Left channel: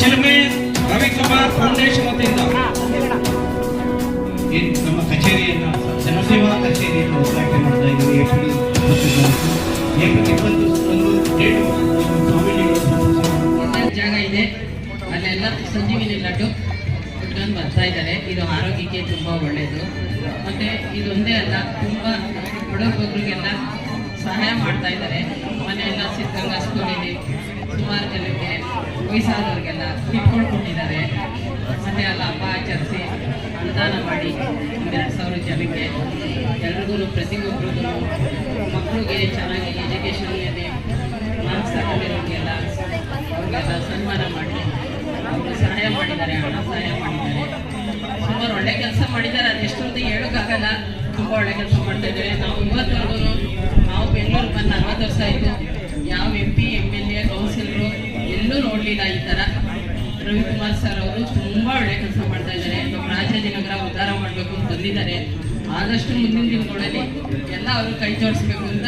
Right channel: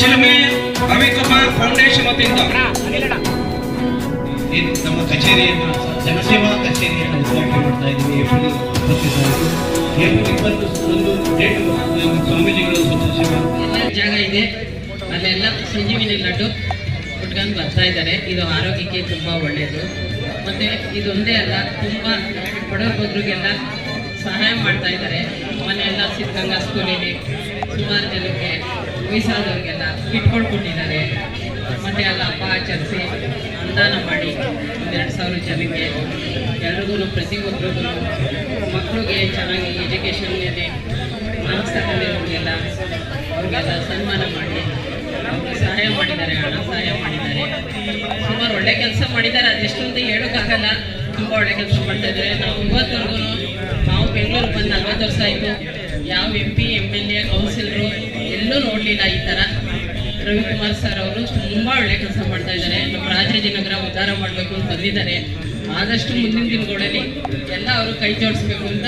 ಚಿಲುಮೆ Ravikumar foundation ವತಿಯಿಂದ ನಮ್ಮ ಕಚೇರಿಯನ್ನು ಜನಸೇವಾ ಕಚೇರಿಯನ್ನು ಉದ್ಘಾಟನೆ ಮಾಡ್ತಾ ಇದ್ದೀವಿ. ಏಪ್ರಿಲ್ 21 ಸ್ವಾಮೀಜಿಗಳು ಜಾಗ ಇದೆ, ಅಲ್ಲೆಲ್ಲ ಸಂಜೀವಿನಿ ಲಡ್ಡು ಉಟ್ಕೊಂಡು ಬರ್ತಾ ಇದ್ದಾರೆ. ಇದು ಆರೋಗ್ಯಕ್ಕೆ ತುಂಬ ಒಳ್ಳೆಯದು. ಮತ್ತೆ ಇದೊಂದೇ ಅಲ್ಲ, ತುಂಬ ಬಡವರಿಗೆಲ್ಲ ಸಹಾಯ ಮಾಡ್ತಾ ಇದ್ದಾರೆ. ಮನೆಯೆಲ್ಲ ಸಿದ್ಧಗಂಗಾ ಸ್ಕೂಲಿಗೆ ಸುಮಾರು ಜನಕ್ಕೆ ವಯಸ್ಸಾದವ್ರಿಗೆಲ್ಲ ಕಿಟ್ಕೊಂಡು ಕೊಟ್ಟಿದ್ದಾರೆ. ಮತ್ತೆ ಎಲ್ಲ ಹಬ್ಬ ಆಚರಿಸಿ ಅನುದಾನ ಮಾಡಿ 2,000 ಜನಕ್ಕೆ ಎಲ್ರಿಗೂ ಪ್ರತಿಯೊಬ್ಬರಿಗೂ ಮಕ್ಕಳಿಗೆ ಚೆನ್ನಾಗಿ ಎಜುಕೇಷನ್ನಲ್ಲಿ ಮಾರ್ಕ್ಸ್ ತಗೊಂಡಿರೋರಿಗೆಲ್ಲ ಅವ್ರಿಗೆಲ್ಲ ಸನ್ಮಾನ ಮಾಡಿ ಅವ್ರಿಗೆ ಸಹಾಯ ಮಾಡಿದ್ದಾರೆ, ಹಣ ಸಹಾಯ ಮಾಡಿದ್ದಾರೆ. ಸುಮಾರು ಒಳ್ಳೆ ಕೆಲಸ ಮಾಡಿದ್ದಾರೆ. ಅದೆಷ್ಟೊಂದು ಹೇಳೋಕ್ಕಾಗಲ್ಲ, ತುಂಬ ಒಳ್ಳೆ ಕೆಲಸ ಮಾಡ್ತಾಯಿದ್ದಾರೆ. ನಾವು ಇವತ್ತವರೆಗೂ ನಾವು ಬೆಂಗಳೂರು ಬಂದು 40 ವರ್ಷ ಆಯಿತು. ಯಾವ MP, MLA, ಕೌನ್ಸಿಲರು ಎಲ್ಲೂ ನೋಡಲಿಲ್ಲ ಈ ಥರ. ರವಿಕುಮಾರ್ ಸರ್ ಅವರು ತುಂಬ ಒಳ್ಳೆ ಕೆಲಸ ಮಾಡ್ತಾ ಇದ್ದಾರೆ. ನಮ್ಮ ರಾಜಾಜಿನಗರ ಉದ್ಧಾರ ಮಾಡಬೇಕು ಅಂತ ಬಂದಿದ್ದಾರೆ. ಆದಷ್ಟು ಮುಂದಿನ ದಿನಗಳಲ್ಲಿ ಎಲ್ಲ ಅವರು ಕೈ ಜೋಡಿಸ್ಬೇಕು ಅಂತ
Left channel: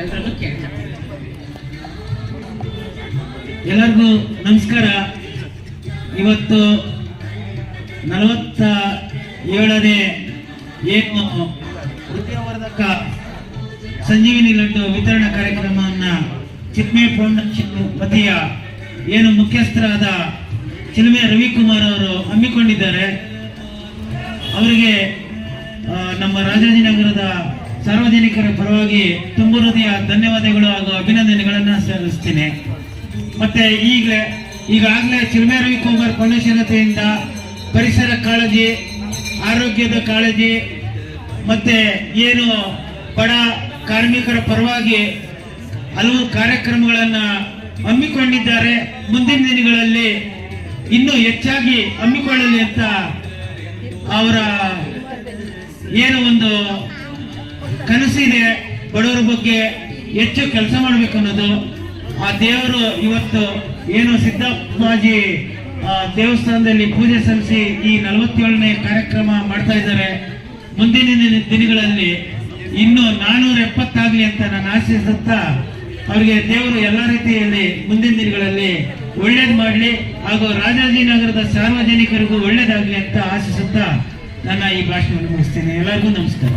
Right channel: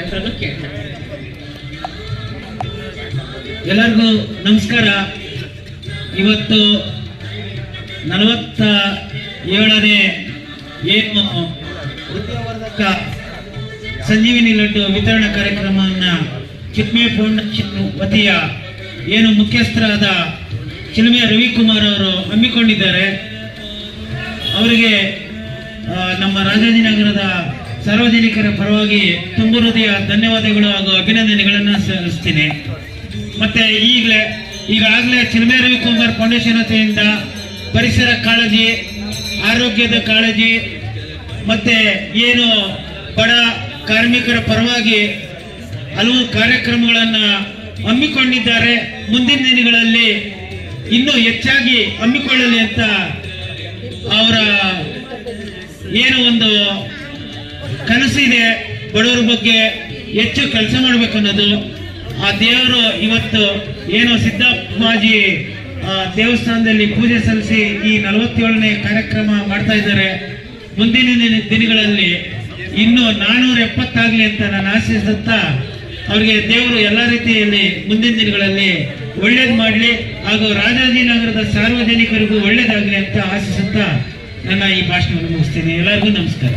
ಎಲ್ಲರನ್ನು ಕೇಳ್ತಾರೆ. ಎಲ್ಲರಿಗೂ ನಮಸ್ಕಾರ. ಇವತ್ತು 47ನೇ ಏನು ವಿದ್ಯಾವರ್ಧಕ ಸಂಜೀವಿನಿ ಲಡ್ಡು ವಿತರಣಾ ಕಾರ್ಯಕ್ರಮವನ್ನು ಚಿಲ್ಮೆ ಫೌಂಡೇಶನ್ ವತಿಯ ಏನು ಮುಖ್ಯಸ್ಥರಾದ ಚಿಲ್ಮೆ ರವಿಕುಮಾರ್ ಅವರು ಹಮ್ಮಿಕೊಂಡಿದ್ದಾರೆ. ಅವರಿಗೆ ನಮ್ಮ ರಾಜಾಜಿನಗರದ ಸಾರ್ವಜನಿಕರ ಪರವಾಗಿ ತುಂಬ ಹೃದಯ ಧನ್ಯವಾದಗಳು ಹಾಗೂ ಅಭಿನಂದನೆಗಳನ್ನು ಸಲ್ಲಿಸ್ತೀನಿ. ಮತ್ತೆ ಈಗಾಗಲೇ ಚಿಲ್ಮೆ ರವಿಕುಮಾರ್ ಫೌಂಡೇಶನ್ ವತಿಯಿಂದ ಪರಿಸರ ಕಾಳಜಿ, ಆರೋಗ್ಯದ ಕಾಳಜಿ, ಮತ್ತೆ ಏನು ಬಡ ಕಾರ್ಮಿಕರ ಪರವಾಗಿ ಹಲವು ಕಾರ್ಯಕ್ರಮಗಳನ್ನು ಹಮ್ಮಿಕೊಂಡಿದ್ದಾರೆ. ಮುಂದಿನ ದಿನಗಳಲ್ಲಿ ಇನ್ನೂ ಹೆಚ್ಚಾಗಿ ಹಮ್ಮಿಕೊಳ್ಳಲಿ ಅಂತ ಅವರ ಏನು ಒಂದು ಕನಸಿದೆ, ಬಡವರ ಬಗ್ಗೆ ಹೆಚ್ಚು ಕೆಲಸ ಮಾಡಬೇಕನ್ನೋದು. ಆ ದೇವರು ಇವತ್ತು ಏನು ಸಿದ್ದಪ್ಪಾಜಿ ದೇವಸ್ಥಾನದಲ್ಲಿ ಪೂಜೆ ಸಲ್ಲಿಸಿ ಈ 47ನೇ ಕಾರ್ಯಕ್ರಮ ಮಾಡ್ತಾ ಇದ್ದಾರೆ. ಮುಂದಿನ ದಿನಗಳಲ್ಲಿ ಇನ್ನೂ 470 ಆಗಲಿ ಅಂತ ನಾನು ಆಶಿಸುತ್ತಾ, ಅವರಿಗೆ ದೇವರು ಎಲ್ಲ ರೀತಿಯಲ್ಲಿ ಮುಂದಿನ ದಿನಗಳಲ್ಲಿ ಒಳ್ಳೇದು ಮಾಡಲಿ ಹಾಗೂ ರಾಜಾಜಿನಗರದ ಸಾರ್ವಜನಿಕರಿಗೂ ಒಳ್ಳೇದಾಗಲಿ ಅಂತ ಆಶಿಸುತ್ತಾ ನನ್ನ ಈ ಭಾಷಣವನ್ನು ಮುಗಿಸ್ತೀನಿ. ಎಲ್ಲರಿಗೂ ನಮಸ್ಕಾರ.